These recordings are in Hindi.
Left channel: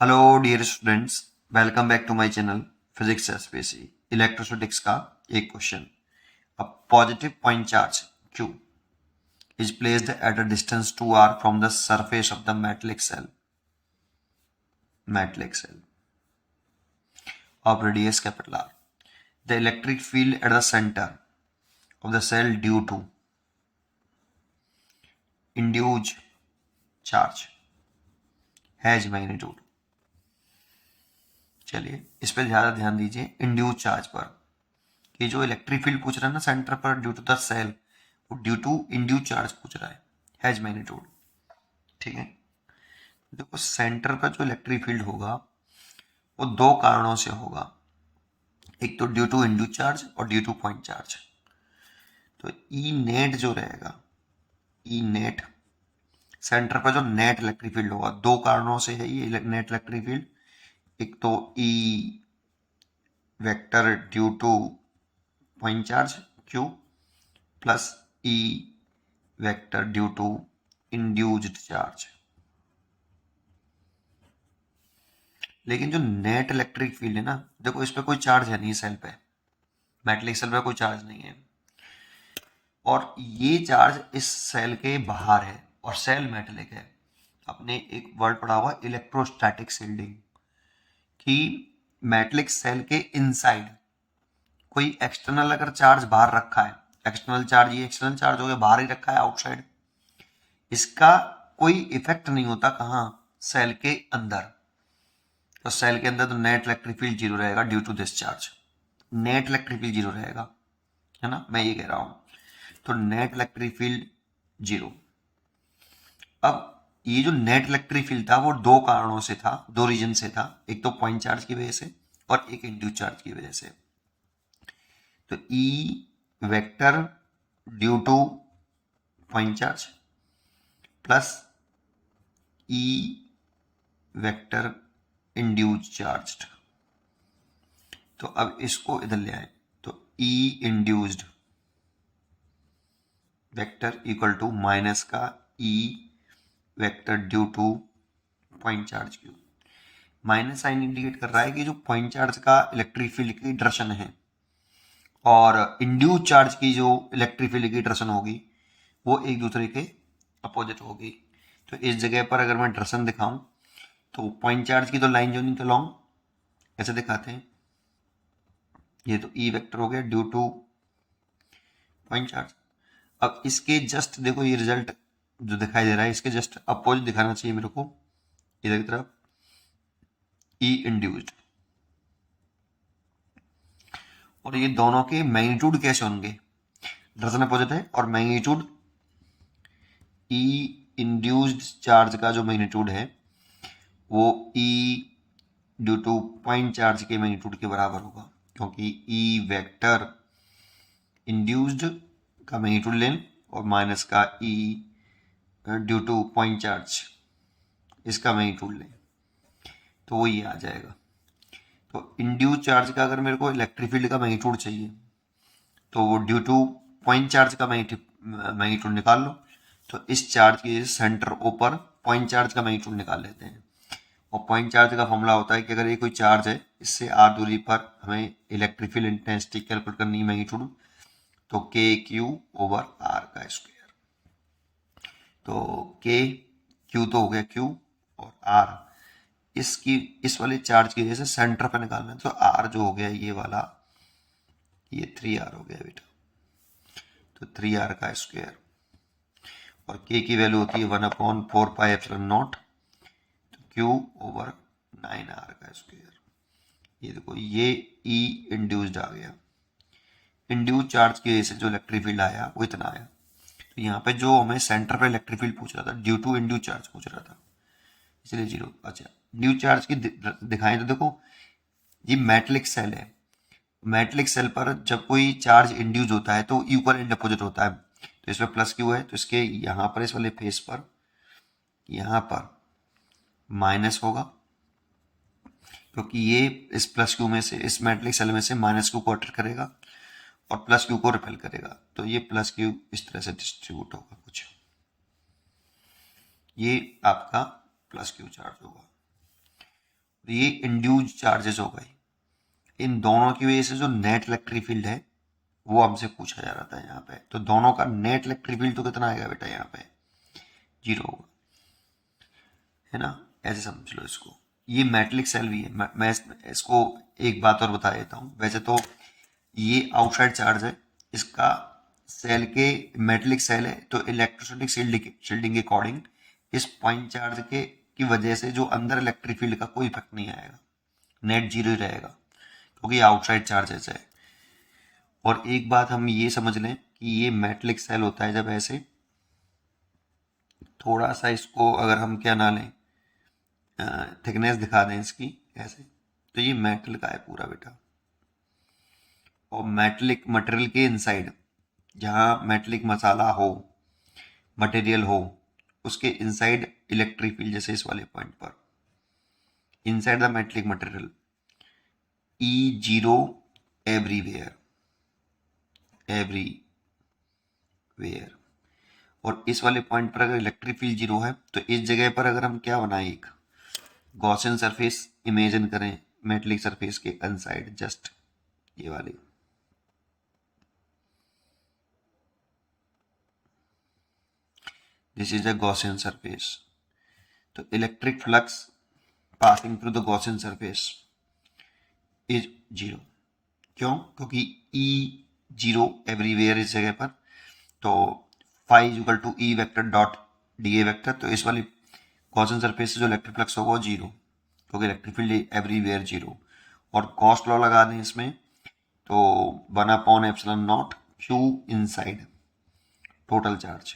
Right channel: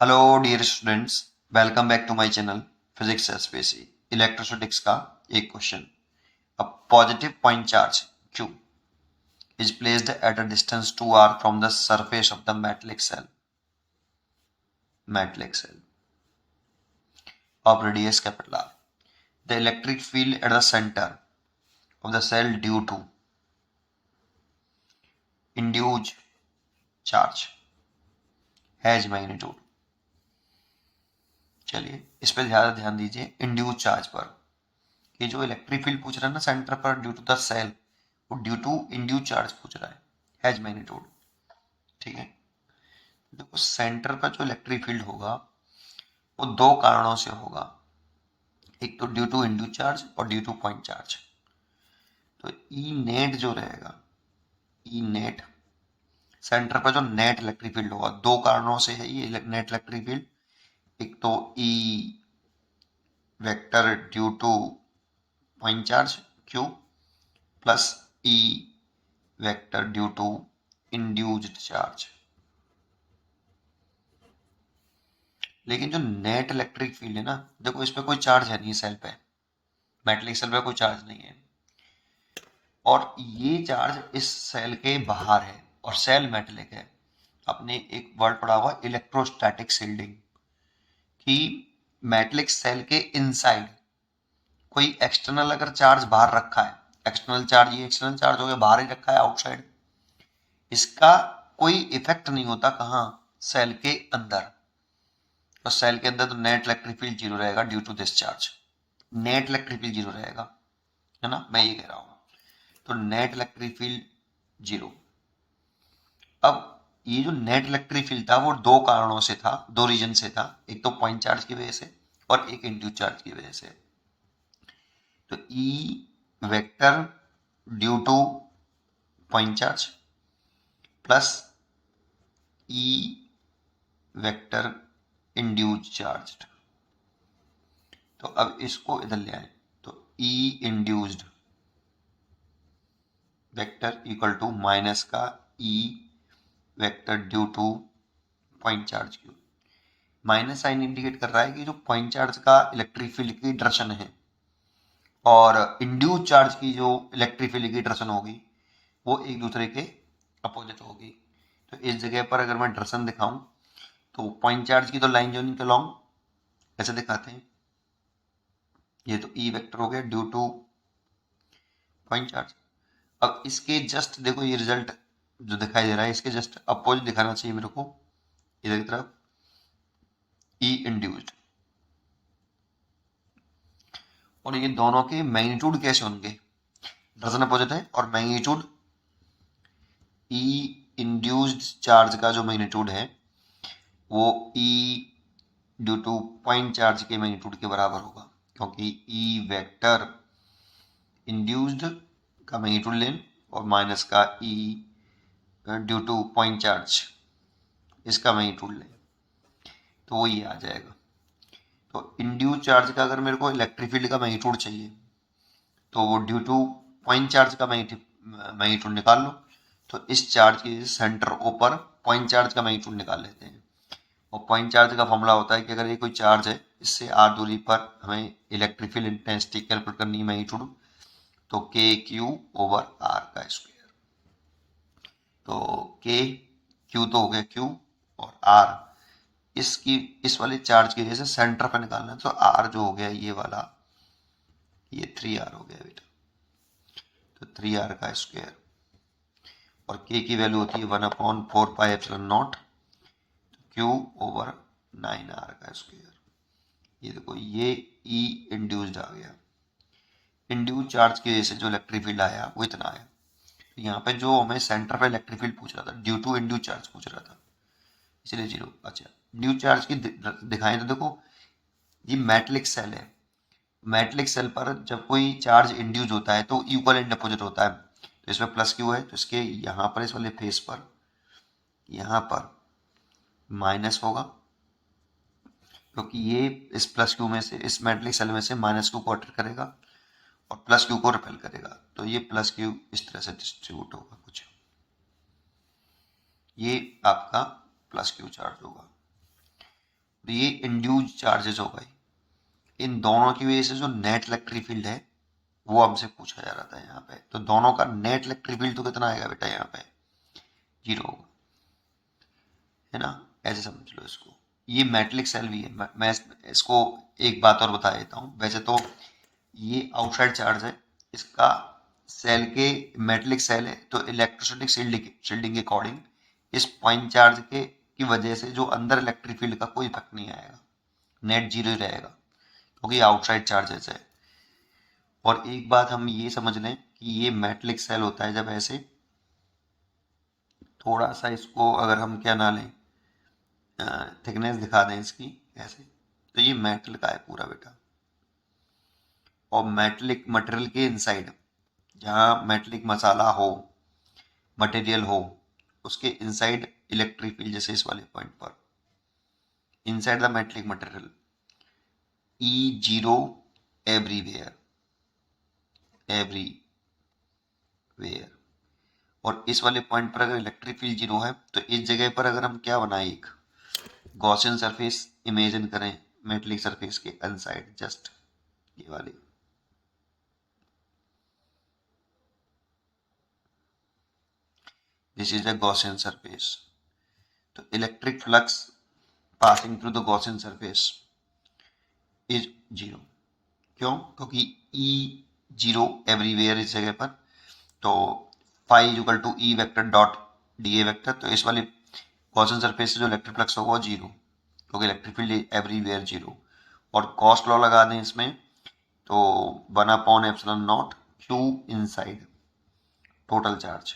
Hello dear students, welcome back to my channel physics SPSC. Electrostatics का एक question. A positive point charge q is placed at a distance 2r from the surface of the metallic cell of radius capital R. The electric field at the center of the cell due to induced charge has magnitude। चलिए इस पर ज़्यादा ध्यान दीजिए, इंड्यूस चार्ज पर। ये जो इलेक्ट्रिक फील्ड पूछ रहा है ना सेंटर पर ड्यू टू द सेल, वो ड्यू टू इंड्यूस चार्ज पूछ रहा है, हैज मैग्नीट्यूड। ठीक है, देखो सेंटर का जो इलेक्ट्रिक फील्ड होगा वो दो कारणों से होगा, एक तो ड्यू टू इंड्यूस चार्ज और ड्यू टू पॉइंट चार्ज। तो ई नेट जो रहेगा, ई नेट सेंटर पर जो नेट इलेक्ट्रिक फील्ड होगा, दो कारणों से है ये नेट इलेक्ट्रिक फील्ड। एक तो E vector due to point charge Q plus E vector due to induced charge. लेकिन जो नेट इलेक्ट्रिक फील्ड है ना, देखो इस पे कोई चार्ज है नहीं, सेल पे मेटलिक सेल पे कोई चार्ज नहीं है, और ये चार्ज इस सेल के बाहर है और सेल मेटलिक है। आपने एक वर्ड पढ़ा हुआ इलेक्ट्रोस्टैटिक शील्डिंग, कि मेटलिक सेल के इनसाइड कोई एक्सटर्नल अगर चार्ज बाहर रखा है, एक्सटर्नल चार्ज, ये एक्सटर्नल चार्ज हो गया, बाहर ही रखा है आउटसाइड, इसका कोई इफेक्ट नहीं होता कहाँ, सेल के अंदर। तो सेल के अंदर तो नेट इलेक्ट्रिक फील्ड जीरो रहेगा due to this charge, net electric field zero रहेगा, है ना, मैं ये कह रहा हूं। तो नेट इलेक्ट्रिक फील्ड जीरो। अब ये जो नेट इलेक्ट्रिक फील्ड था वो दो कारणों से था, दो रीजन से था, एक तो पॉइंट चार्ज की वजह से और एक इंड्यूस चार्ज की वजह से। तो E vector due to point charge plus E vector induce charge. तो अब इसको इधर ले आए, तो E induced vector equal to minus का E vector due to point charge Q. Minus sign indicate कर रहा है कि जो पॉइंट चार्ज का इलेक्ट्रिक फील्ड की डायरेक्शन है और इंड्यूस चार्ज की जो इलेक्ट्रिक फील्ड की डायरेक्शन होगी वो एक दूसरे के अपोजिट होगी। तो इस जगह पर अगर मैं डायरेक्शन दिखाऊं तो पॉइंट चार्ज की तो लाइन जोनिंग के लॉन्ग ऐसे दिखाते हैं, ये तो ई वेक्टर हो गया ड्यू टू पॉइंट चार्ज। अब इसके जस्ट देखो ये रिजल्ट जो दिखाई दे रहा है, इसके जस्ट अपोजिट दिखाना चाहिए मेरे को, इधर की तरफ ई इंड्यूस्ड। और ये दोनों के मैग्नीट्यूड कैसे होंगे, डायरेक्शन अपोजिट है और मैग्नीट्यूड ई इंड्यूस्ड चार्ज का जो मैग्नीट्यूड है वो ई ड्यू टू पॉइंट चार्ज के मैग्नीट्यूड के बराबर होगा, क्योंकि ई वेक्टर इंड्यूस्ड का मैग्नीट्यूड लें और माइनस का ई ड्यू टू पॉइंट चार्ज इसका मैग्नीट्यूड लें, तो वो ये आ जाएगा। तो इंड्यूस चार्ज का अगर मेरे को इलेक्ट्रिक फील्ड का मैग्नीट्यूड चाहिए तो वो ड्यू टू पॉइंट चार्ज का मैग्नीट्यूड निकाल लो। तो इस चार्ज के सेंटर ऊपर पॉइंट चार्ज का मैग्नीट्यूड निकाल लेते हैं, और पॉइंट चार्ज का फॉर्मूला होता है कि अगर ये कोई चार्ज है, इससे आर दूरी पर हमें इलेक्ट्रिक फील्ड इंटेंसिटी कैलकुलेट करनी है मैग्नीट्यूड, तो के क्यू ओवर आर का स्क्वायर। तो के क्यू तो हो गया क्यू, और आर इसकी इस वाले चार्ज की वजह से सेंटर पर निकालना है, तो आर जो हो गया ये वाला, ये 3r हो गया बेटा, तो 3r का स्क्वायर, और k की वैल्यू होती है 1/4πε0, तो q ओवर 9r का स्क्वायर। ये देखो ये E इंड्यूस्ड आ गया, इंड्यूस चार्ज की वजह से जो इलेक्ट्रिक फील्ड आया वो इतना आया। तो यहाँ पे जो हमें सेंटर पे इलेक्ट्रिक फील्ड पूछ रहा था ड्यू टू इंड्यूस चार्ज पूछ रहा था, इसलिए जीरो। अच्छा, इंड्यूस चार्ज की दिखाएं तो देखो ये मेटलिक सेल है, मेटलिक सेल पर जब कोई चार्ज इंड्यूस होता है तो इक्वल एंड अपोजिट होता है। तो इसमें प्लस क्यू है, तो इसके यहाँ पर इस वाले फेस पर यहाँ पर माइनस होगा, क्योंकि ये इस प्लस क्यू में से, इस मेटलिक सेल में से माइनस क्यू को अट्रैक्ट करेगा और प्लस क्यू को रिपेल करेगा, तो ये प्लस क्यू इस तरह से डिस्ट्रीब्यूट होगा कुछ, ये आपका प्लस क्यू चार्ज होगा। तो ये इंड्यूज चार्जेस हो गए। इन दोनों की वजह से जो नेट इलेक्ट्रिक फील्ड है वो हमसे पूछा जा रहा था यहाँ पे। तो दोनों का नेट इलेक्ट्रिक फील्ड तो कितना आएगा बेटा, यहाँ पे 0 होगा, है ना। ऐसे समझ लो इसको। ये मेटलिक सेल भी है। मैं इसको एक बात और बता देता हूँ। वैसे तो ये आउटसाइड चार्ज है, इसका सेल के मेटलिक सेल है तो इलेक्ट्रोस्टैटिक शील्डिंग के अकॉर्डिंग इस पॉइंट चार्ज के की वजह से जो अंदर इलेक्ट्रिक फील्ड का कोई इफेक्ट नहीं आएगा, नेट 0 ही रहेगा, क्योंकि आउटसाइड चार्जेस है। और एक बात हम ये समझ लें कि ये मेटलिक सेल होता है जब ऐसे थोड़ा सा इसको अगर हम क्या ना लें, थिकनेस दिखा दें इसकी ऐसे, तो ये मेटल का है पूरा बेटा। और मेटलिक मटेरियल के इनसाइड, जहाँ मेटलिक मसाला हो, मटेरियल हो, उसके इनसाइड इलेक्ट्रिक फील्ड, जैसे इस वाले पॉइंट पर inside the metallic material E0 everywhere, everywhere. और इस वाले पॉइंट पर अगर इलेक्ट्रिक फील्ड 0 है तो इस जगह पर अगर हम क्या बनाए, एक गॉसियन सरफेस इमेजिन करें मेटलिक सरफेस के इनसाइड, जस्ट ये वाली, this is the Gaussian surface. तो electric flux passing through the Gaussian surface is 0। क्यों? क्योंकि E0 एवरीवेयर इस जगह पर, तो phi is equal to E vector dot D A vector. तो इस वाली गॉसियन सरफेस से जो इलेक्ट्रिक फ्लक्स होगा वो 0, क्योंकि इलेक्ट्रिक फील्ड एवरीवेयर 0। और कॉस्ट लॉ लगा दें इसमें, तो 1/ε0 Q inside total charge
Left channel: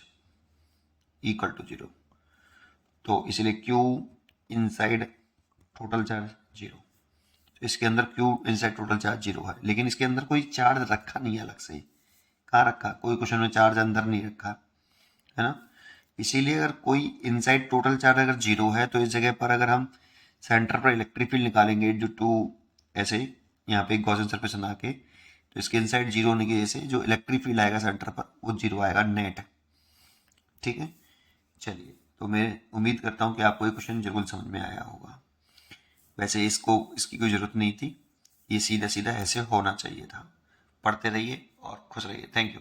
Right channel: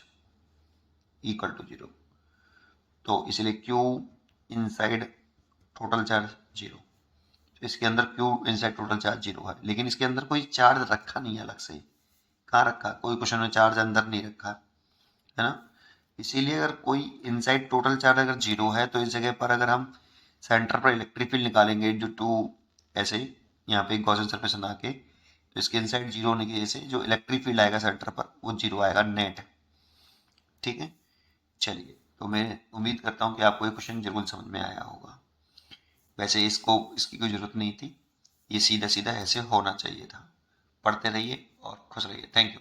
equal to 0। तो इसलिए Q इनसाइड टोटल चार्ज 0। तो इसके अंदर Q इनसाइड टोटल चार्ज 0 है, लेकिन इसके अंदर कोई चार्ज रखा नहीं है अलग से। कहाँ रखा? कोई क्वेश्चन में चार्ज अंदर नहीं रखा, है ना। इसीलिए अगर कोई इनसाइड टोटल चार्ज अगर 0 है तो इस जगह पर अगर हम सेंटर पर इलेक्ट्रिक फील्ड निकालेंगे ड्यू टू ऐसे यहाँ पे गॉसियन सरफेस बना के, तो इसके इनसाइड 0 होने की वजह से जो इलेक्ट्रिक फील्ड आएगा सेंटर पर वो 0 आएगा नेट। ठीक है, चलिए। तो मैं उम्मीद करता हूँ कि आपको ये क्वेश्चन जरूर समझ में आया होगा। वैसे इसकी कोई ज़रूरत नहीं थी, ये सीधा सीधा ऐसे होना चाहिए था। पढ़ते रहिए और खुश रहिए। Thank you.